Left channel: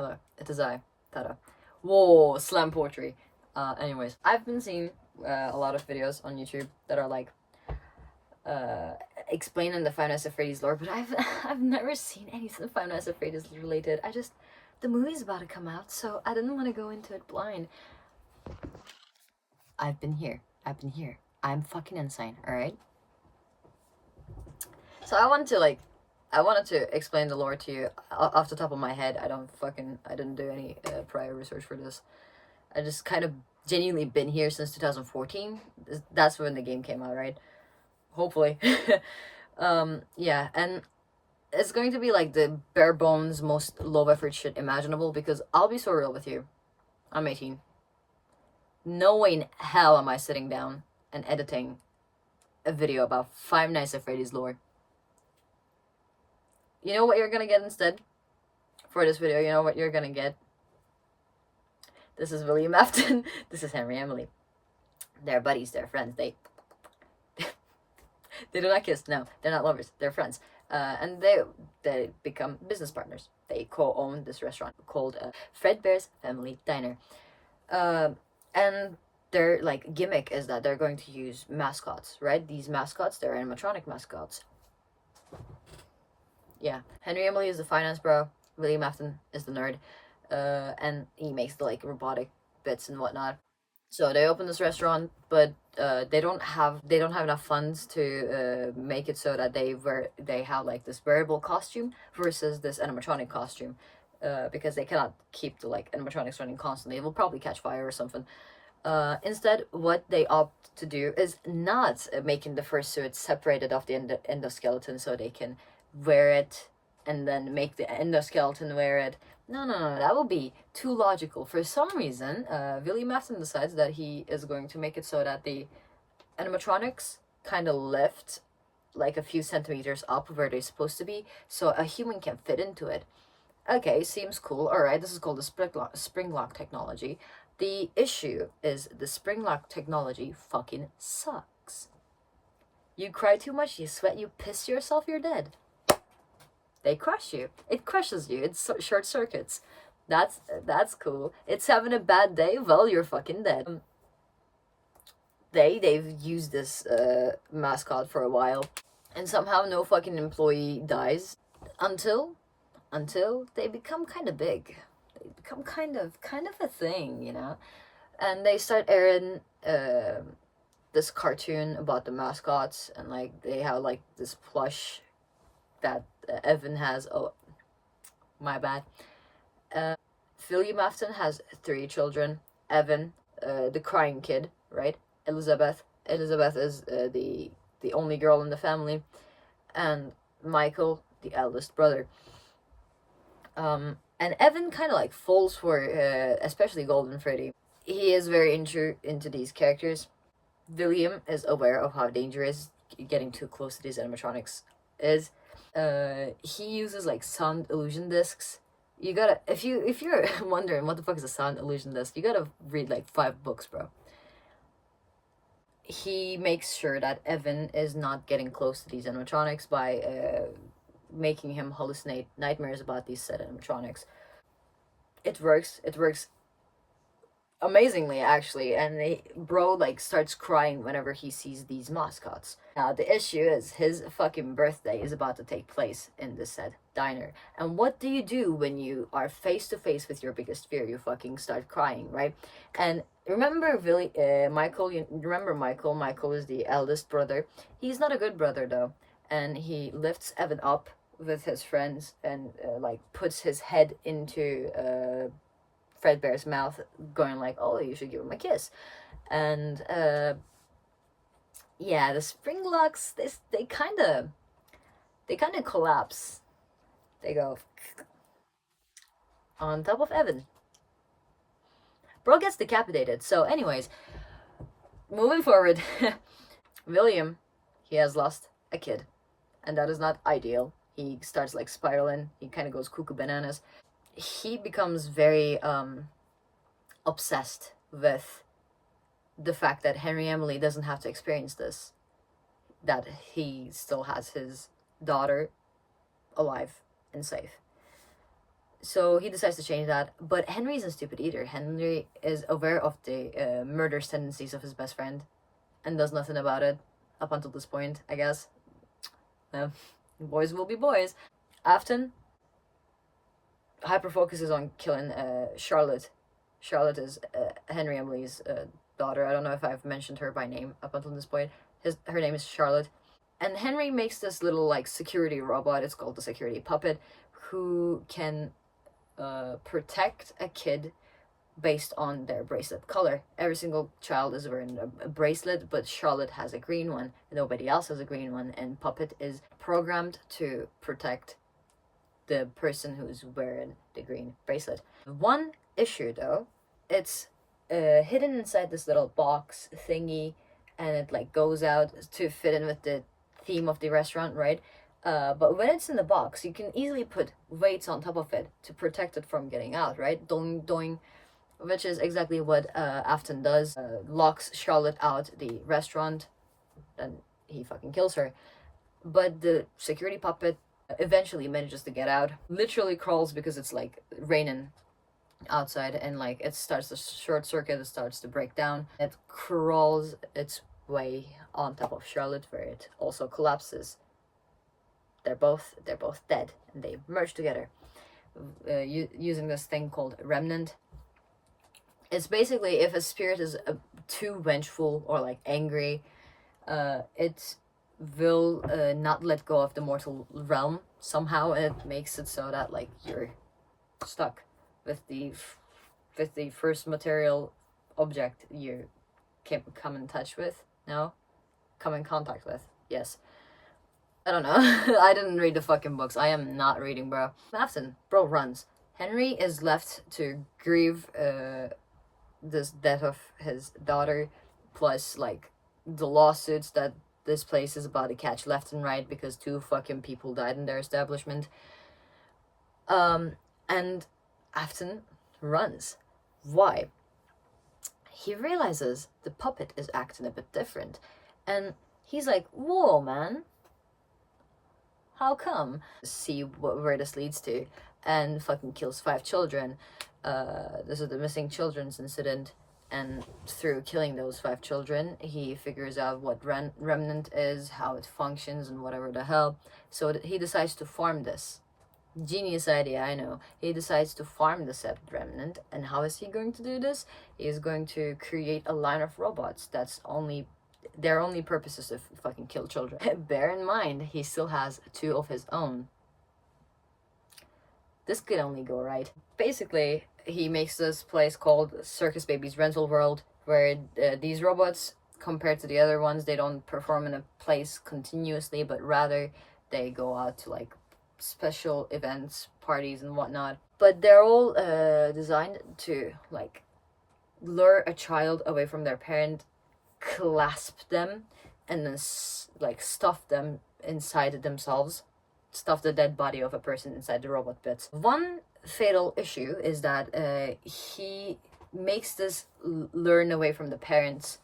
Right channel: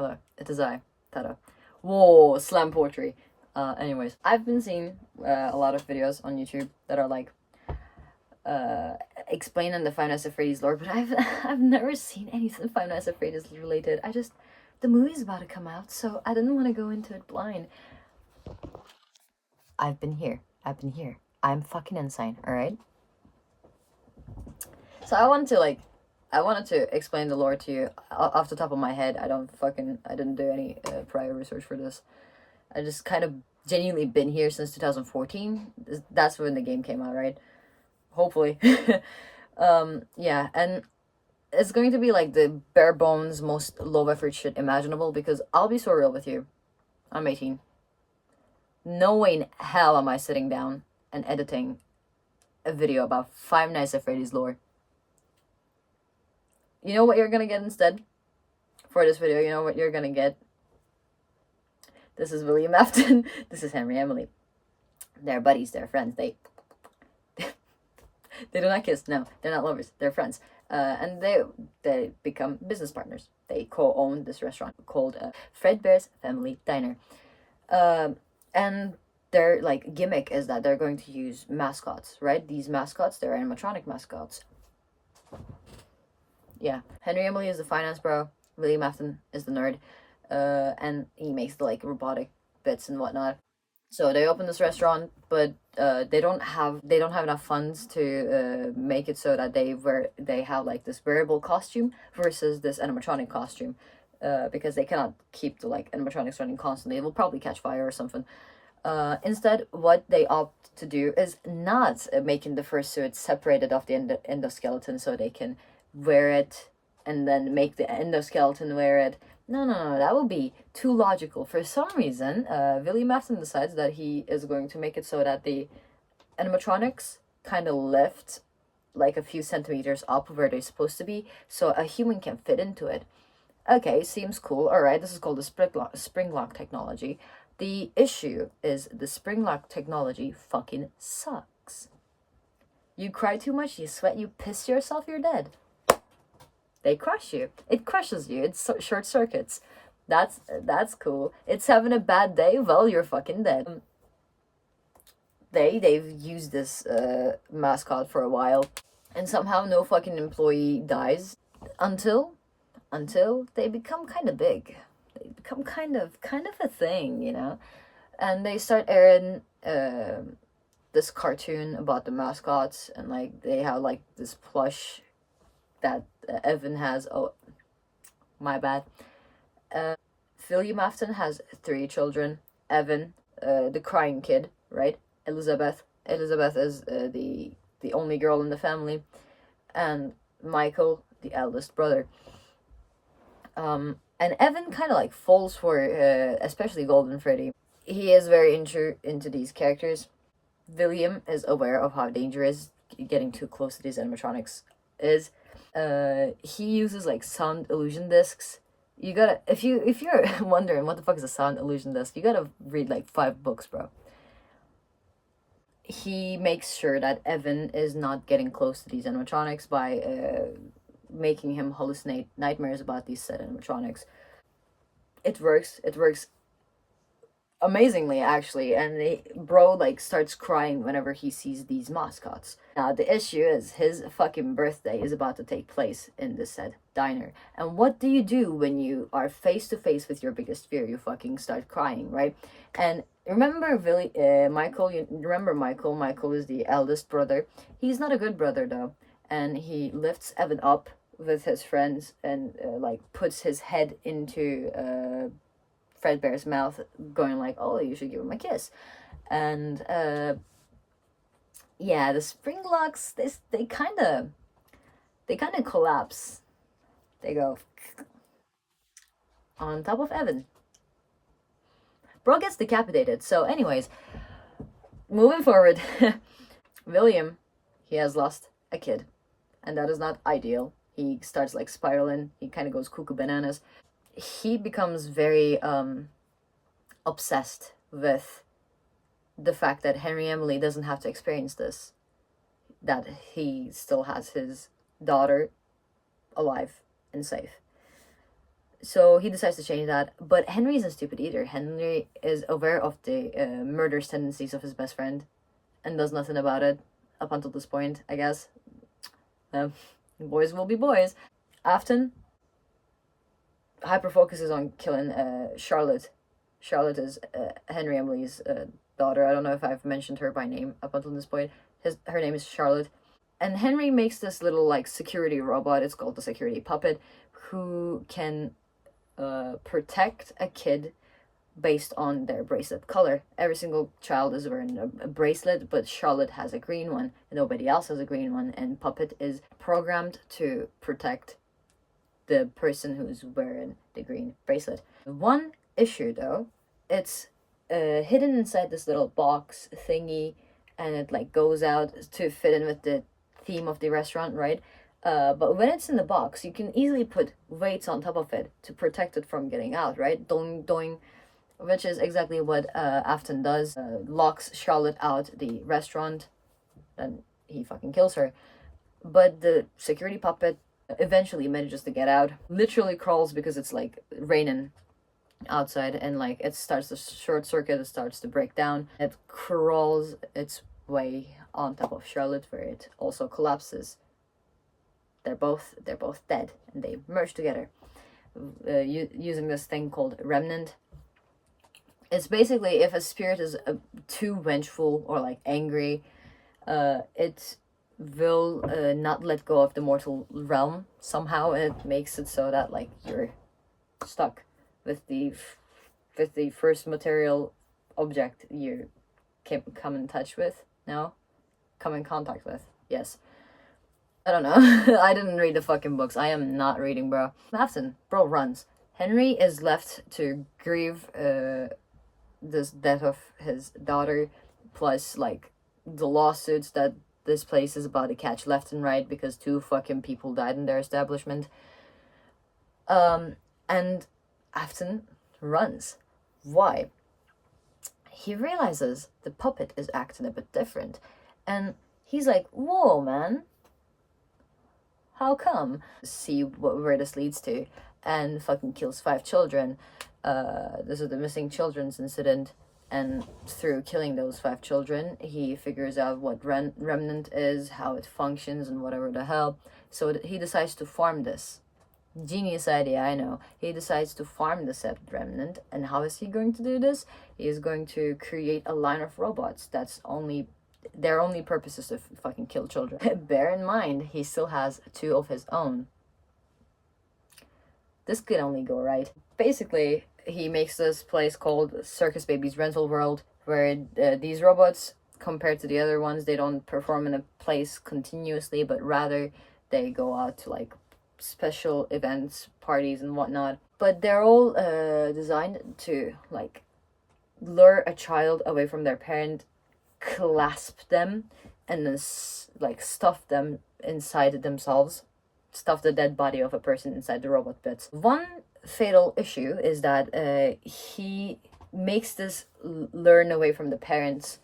Hello, it is I, Tata. Whoa, slam poetry. Anyways, I've been seeing a lot of videos on YouTube that are like uh explaining the Five Nights at Freddy's lore, but I've never seen anything Five Nights at Freddy's related. The movie's about to come out, so I didn't want to go into it blind. I've been here. I'm fucking insane, alright? So I wanted to explain the lore to you off the top of my head. I didn't do any prior research for this. I just kind of genuinely been here since 2014. That's when the game came out, right? Hopefully. Yeah, and it's going to be like the bare bones, most low effort shit imaginable because I'll be so real with you. I'm 18. No way in hell am I sitting down and editing a video about Five Nights at Freddy's lore. You know what you're gonna get instead? For this video, you know what you're gonna get? This is William Afton. This is Henry Emily. They're buddies, they're friends. They do not kiss. No, they're not lovers. They're friends. And they become business partners. They co-own this restaurant called Fredbear's Family Diner. And their like gimmick is that they're going to use mascots, right? These mascots, they're animatronic mascots. Yeah, Henry Emily is the finance bro. William Afton is the nerd. And he makes the like robotic bits and whatnot. So they open this restaurant, but they don't have enough funds to make it so that they have like this wearable costume versus this animatronic costume, because they cannot keep the like animatronics running constantly. It will probably catch fire or something. Instead, what they opt to do is not making the fursuit separated off the endoskeleton so they can wear it and then make the endoskeleton wear it. No, that will be too logical. For some reason, William Afton decides that he is going to make it so that the animatronics kind of lift like a few centimeters up where they're supposed to be, so a human can fit into it. Okay, seems cool. Alright, this is called the spring lock technology. The issue is the spring lock technology fucking sucks. You cry too much, you sweat, you piss yourself, you're dead. They crush you. It crushes you. It's short circuits. That's cool. It's having a bad day. Well, you're fucking dead. They've used this mascot for a while, and somehow no fucking employee dies until they become kind of big. They become kind of a thing, you know. And they start airing this cartoon about the mascots, and like they have like this plush that Evan has. Oh, my bad. William Afton has 3 children. Evan, the crying kid, right? Elizabeth is the only girl in the family, and Michael, the eldest brother. And Evan kind of like falls for especially Golden Freddy. He is very into these characters. William is aware of how dangerous getting too close to these animatronics is. He uses like sound illusion discs. You gotta, if you're wondering what the fuck is a sound illusion disc, you gotta read like 5 books, bro. He makes sure that Evan is not getting close to these animatronics by making him hallucinate nightmares about these said animatronics. It works amazingly, actually, and bro like starts crying whenever he sees these mascots. Now the issue is his fucking birthday is about to take place in this said diner, and what do you do when you are face to face with your biggest fear? You fucking start crying, right? And remember Michael, you remember Michael is the eldest brother. He's not a good brother though, and he lifts Evan up with his friends and like puts his head into Fredbear's mouth, going like, oh, you should give him a kiss. And yeah, the spring locks, they kind of collapse. They go on top of Evan. Bro gets decapitated. So anyways, moving forward, William, he has lost a kid, and that is not ideal. He starts like spiraling. He kind of goes cuckoo bananas. He becomes very obsessed with the fact that Henry Emily doesn't have to experience this, that he still has his daughter alive and safe. So he decides to change that, but Henry isn't stupid either. Henry is aware of the murderous tendencies of his best friend and does nothing about it up until this point, I guess. Boys will be boys. Afton hyper focuses on killing Charlotte. Charlotte is Henry Emily's daughter. I don't know if I've mentioned her by name up until this point. Her name is Charlotte. And Henry makes this little like security robot, it's called the security puppet, who can protect a kid based on their bracelet color. Every single child is wearing a bracelet, but Charlotte has a green one, nobody else has a green one, and Puppet is programmed to protect the person who's wearing the green bracelet. One issue though, it's hidden inside this little box thingy, and it like goes out to fit in with the theme of the restaurant, right? But when it's in the box, you can easily put weights on top of it to protect it from getting out, right? Doing, doing, which is exactly what Afton does. Locks Charlotte out the restaurant, and he fucking kills her. But the security puppet eventually manages to get out. Literally crawls because it's like raining outside, and like it starts to short circuit, it starts to break down. It crawls its way on top of Charlotte, where it also collapses. They're both dead, and they merge together using this thing called remnant. It's basically if a spirit is too vengeful or like angry, it will not let go of the mortal realm. Somehow it makes it so that like you're stuck with the first material object you can come in touch with. No, come in contact with. Yes. I don't know. I didn't read the fucking books. I am not reading, bro. Afton, bro, runs. Henry is left to grieve this death of his daughter, plus like the lawsuits that this place is about to catch left and right because 2 fucking people died in their establishment. And Afton runs. Why? He realizes the puppet is acting a bit different, and he's like, whoa, man, how come? See where this leads to, and fucking kills 5 children. This is the missing children's incident, and through killing those 5 children, he figures out what remnant is, how it functions, and whatever the hell. So he decides to farm this. Genius idea, I know. He decides to farm the said remnant, and how is he going to do this? He is going to create a line of robots their only purpose is to fucking kill children. Bear in mind, he still has 2 of his own. This could only go right. Basically, he makes this place called Circus Baby's Rental World, where these robots, compared to the other ones, they don't perform in a place continuously, but rather they go out to like special events, parties, and whatnot. But they're all designed to like lure a child away from their parent, clasp them, and then like stuff them inside themselves, stuff the dead body of a person inside the robot bits. One fatal issue is that he makes this learn away from the parents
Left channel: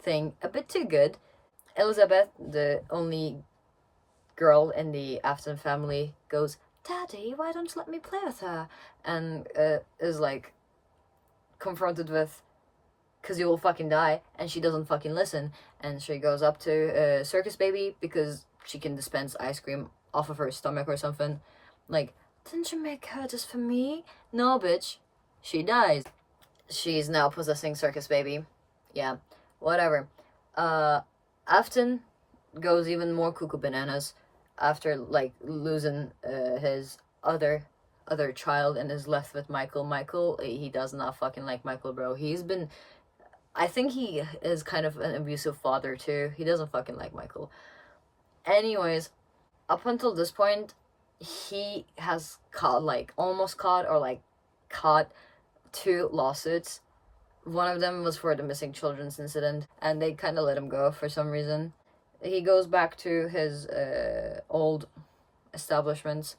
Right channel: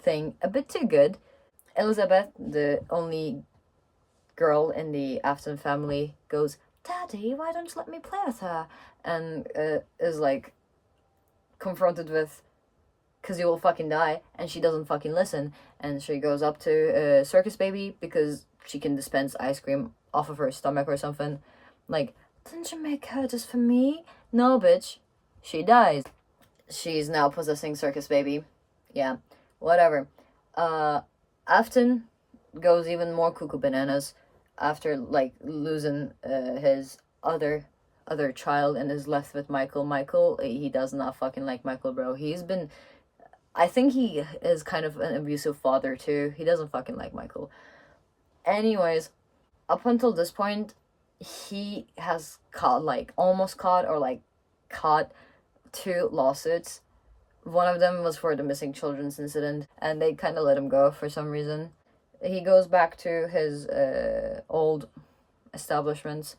thing a bit too good. Elizabeth, the only girl in the Afton family, goes, "Daddy, why don't you let me play with her?" And is like confronted with, "'Cause you will fucking die," and she doesn't fucking listen, and she goes up to Circus Baby because she can dispense ice cream off of her stomach or something. Like, "Didn't you make her just for me?" "No, bitch." She dies. She's now possessing Circus Baby. Yeah, whatever. Afton goes even more cuckoo bananas after like losing his other child and is left with Michael. Michael, he does not fucking like Michael, bro. I think he is kind of an abusive father too. He doesn't fucking like Michael. Anyways, up until this point, he has almost caught 2 lawsuits. One of them was for the missing children's incident, and they kind of let him go for some reason. He goes back to his old establishments,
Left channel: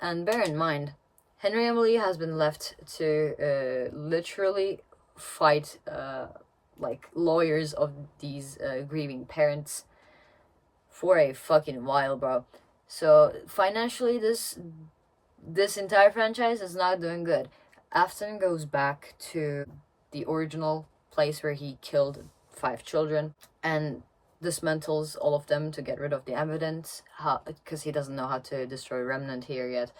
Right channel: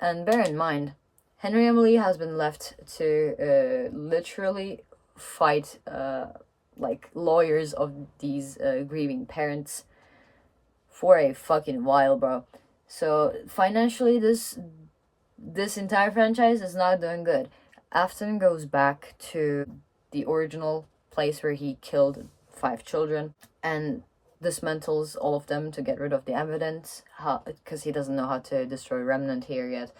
and bear in mind, Henry Emily has been left to literally fight like lawyers of these grieving parents for a fucking while, bro. So financially, this this entire franchise is not doing good. Afton goes back to the original place where he killed 5 children and dismantles all of them to get rid of the evidence, because he doesn't know how to destroy Remnant here yet.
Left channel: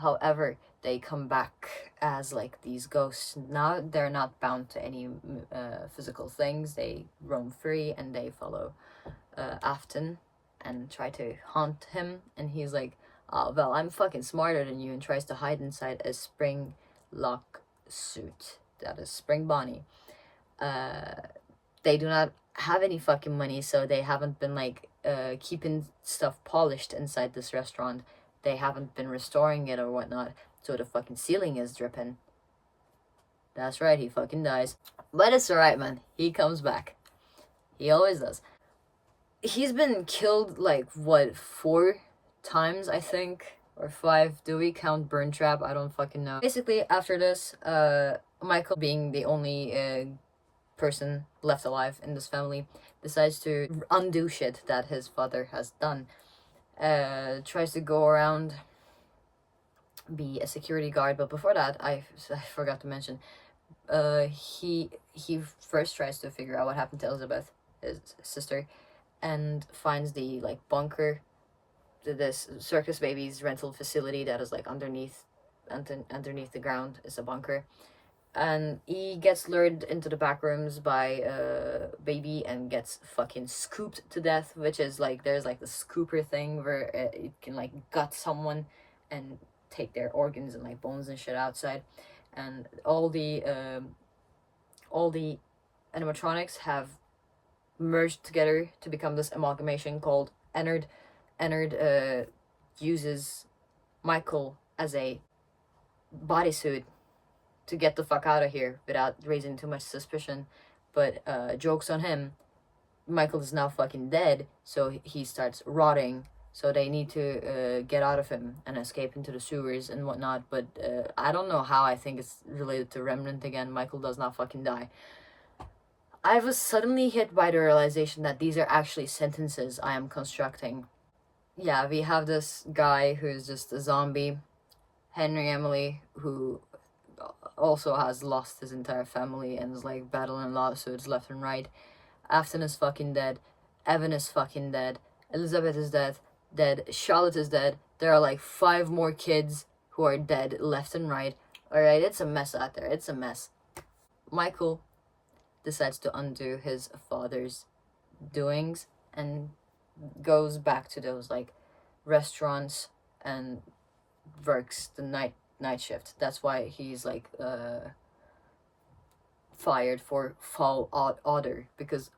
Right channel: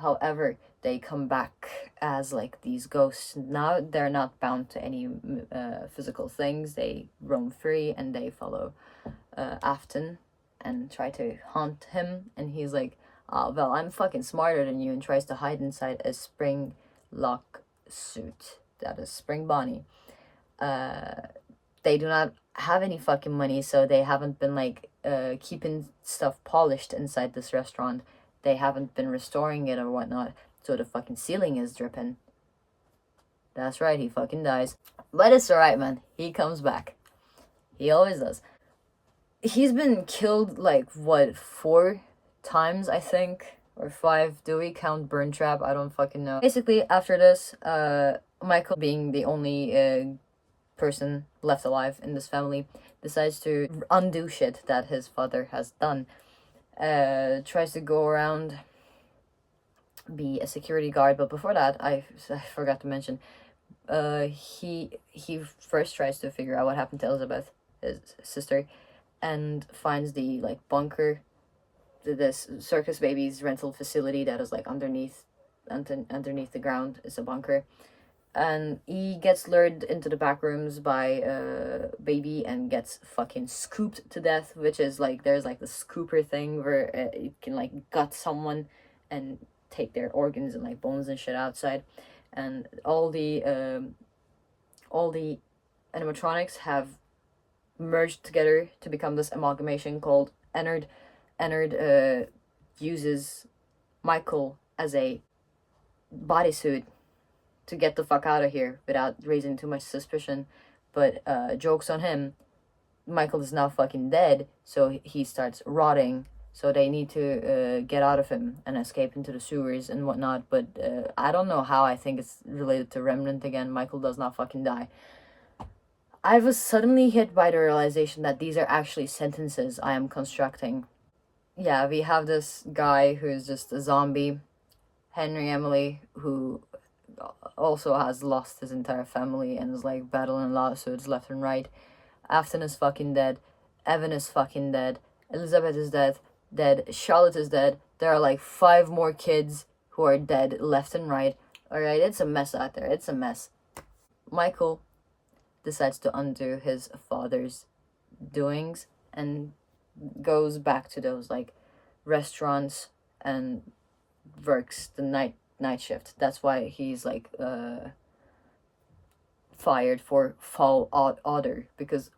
However, they come back as like these ghosts. Now they're not bound to any physical things. They roam free and they follow Afton and try to haunt him. And he's like, "Oh well, I'm fucking smarter than you," and tries to hide inside a spring lock suit. That is Spring Bonnie. They do not have any fucking money, so they haven't been like keeping stuff polished inside this restaurant. They haven't been restoring it or whatnot, so the fucking ceiling is dripping. That's right, he fucking dies. But it's alright, man. He comes back. He always does. He's been killed like what, 4 times, I think, or 5. Do we count Burn Trap? I don't fucking know. Basically, after this, Michael, being the only person left alive in this family, decides to undo shit that his father has done. Tries to go around, be a security guard, but before that, I forgot to mention, he first tries to figure out what happened to Elizabeth, his sister, and finds the like bunker, this circus babies rental facility that is like underneath the ground is a bunker. And he gets lured into the back rooms by Baby and gets fucking scooped to death, which is like, there's like the scooper thing where it can like gut someone and take their organs and like bones and shit outside. And all the animatronics have merged together to become this amalgamation called Ennard. Ennard uses Michael as a bodysuit to get the fuck out of here without raising too much suspicion. But joke's on him. Michael is now fucking dead, so he starts rotting. So they need to get out of him and escape into the sewers and whatnot. But I don't know how. I think it's related to Remnant again. Michael does not fucking die. I was suddenly hit by the realization that these are actually sentences I am constructing. Yeah, we have this guy who's just a zombie, Henry Emily, who also has lost his entire family and is like battling lawsuits left and right. Afton is fucking dead. Evan is fucking dead. Elizabeth is dead. Charlotte is dead. There are like 5 more kids who are dead left and right. Alright, it's a mess out there. It's a mess. Michael decides to undo his father's doings and goes back to those like restaurants and works the night shift. That's why he's like fired for foul odor, because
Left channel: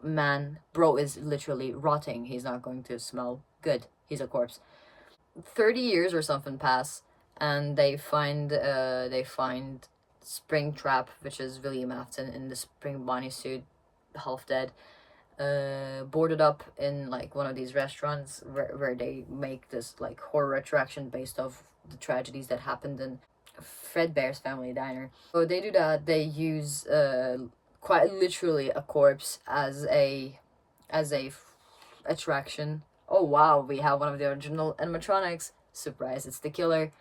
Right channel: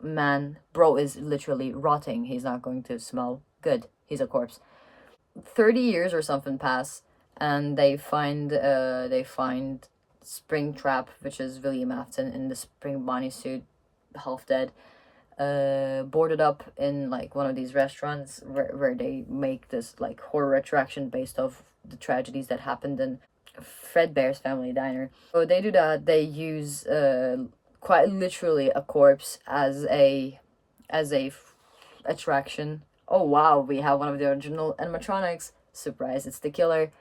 bro is literally rotting. He's not going to smell good. He's a corpse. 30 years or something pass, and they find Springtrap, which is William Afton in the Spring Bonnie suit, half dead, boarded up in like one of these restaurants where they make this like horror attraction based off the tragedies that happened in Fredbear's family diner. So they do that. They use quite literally a corpse as a attraction. Oh wow, we have one of the original animatronics. Surprise, it's the killer.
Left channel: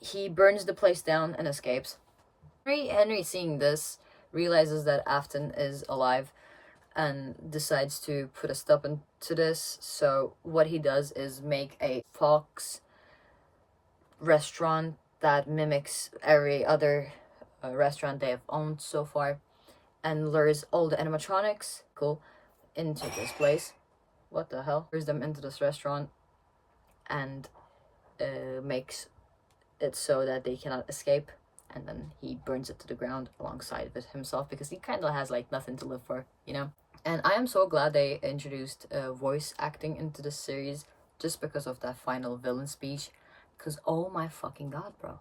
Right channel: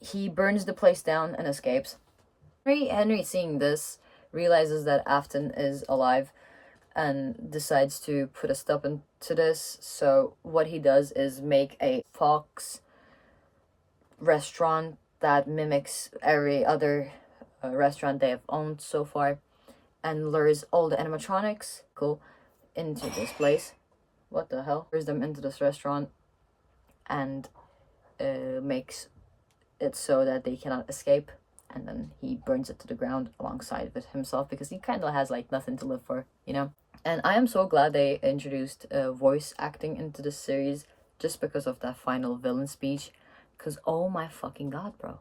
He burns the place down and escapes. Henry, seeing this, realizes that Afton is alive and decides to put a stop to this. So what he does is make a fox restaurant that mimics every other restaurant they have owned so far, and lures all the animatronics into this place. What the hell? Lures them into this restaurant and makes it so that they cannot escape, and then he burns it to the ground alongside with himself, because he kind of has like nothing to live for, you know? And I am so glad they introduced voice acting into this series, just because of that final villain speech, because oh my fucking god, bro.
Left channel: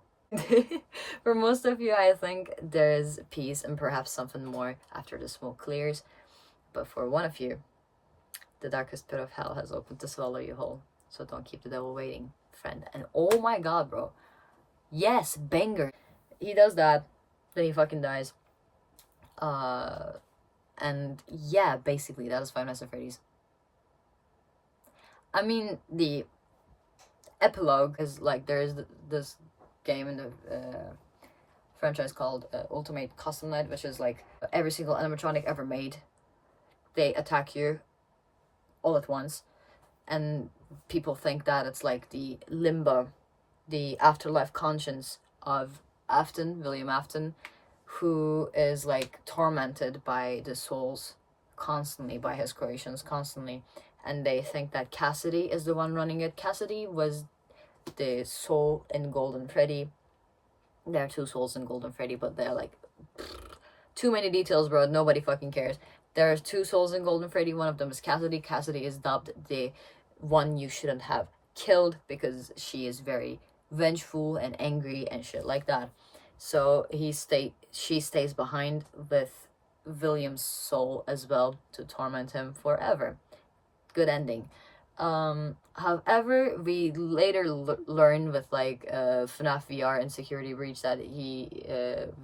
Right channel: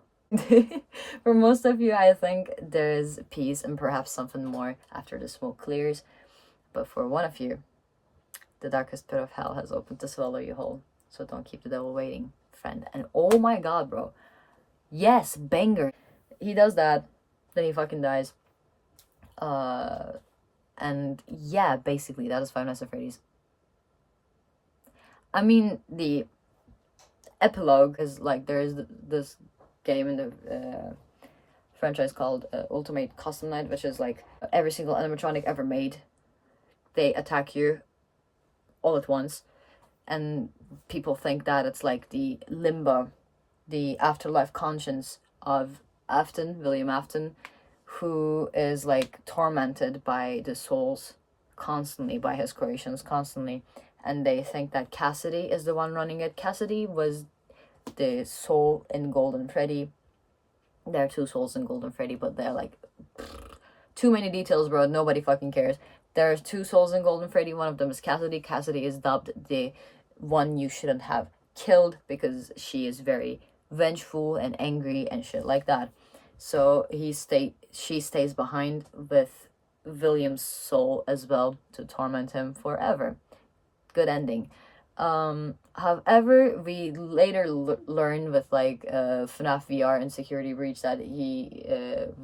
For most of you, I think there's peace and perhaps something more after the smoke clears, but for one of you, the darkest pit of hell has opened to swallow you whole. So don't keep the devil waiting, friend. And oh my god, bro. Yes, banger. He does that, then he fucking dies. And yeah, basically that is Five Nights at Freddy's. I mean, the epilogue is like, there's this game in the franchise called Ultimate Custom Night, which is like every single animatronic ever made. They attack you all at once, and people think that it's like the limbo, the afterlife conscience of Afton, William Afton, who is like tormented by the souls constantly, by his creations constantly. And they think that Cassidy is the one running it. Cassidy was the soul in Golden Freddy. There are two souls in Golden Freddy, but they're like too many details, bro. Nobody fucking cares. There's two souls in Golden Freddy. One of them is Cassidy. Cassidy is dubbed the one you shouldn't have killed because she is very vengeful and angry and shit like that. So she stays behind with William's soul as well to torment him forever. Good ending. However, we later learn with like Fnaf VR and Security Breach that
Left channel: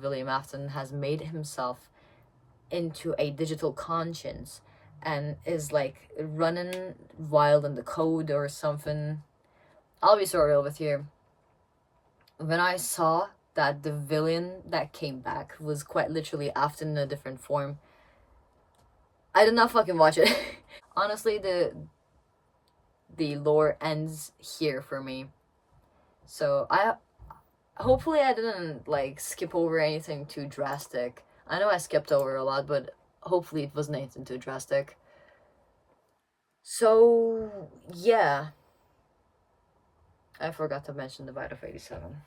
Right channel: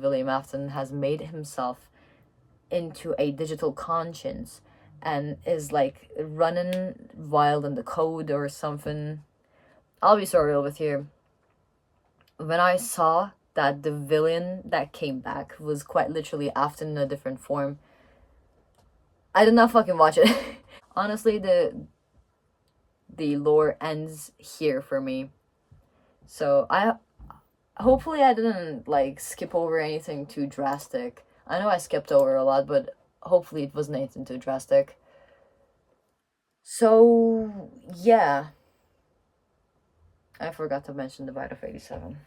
William Afton has made himself into a digital conscience and is like running wild in the code or something. I'll be so real with you. When I saw that the villain that came back was quite literally Afton in a different form, I did not fucking watch it. Honestly, the lore ends here for me. So hopefully I didn't like skip over anything too drastic. I know I skipped over a lot, but hopefully it wasn't anything too drastic. So yeah, I forgot to mention the Bite of 87.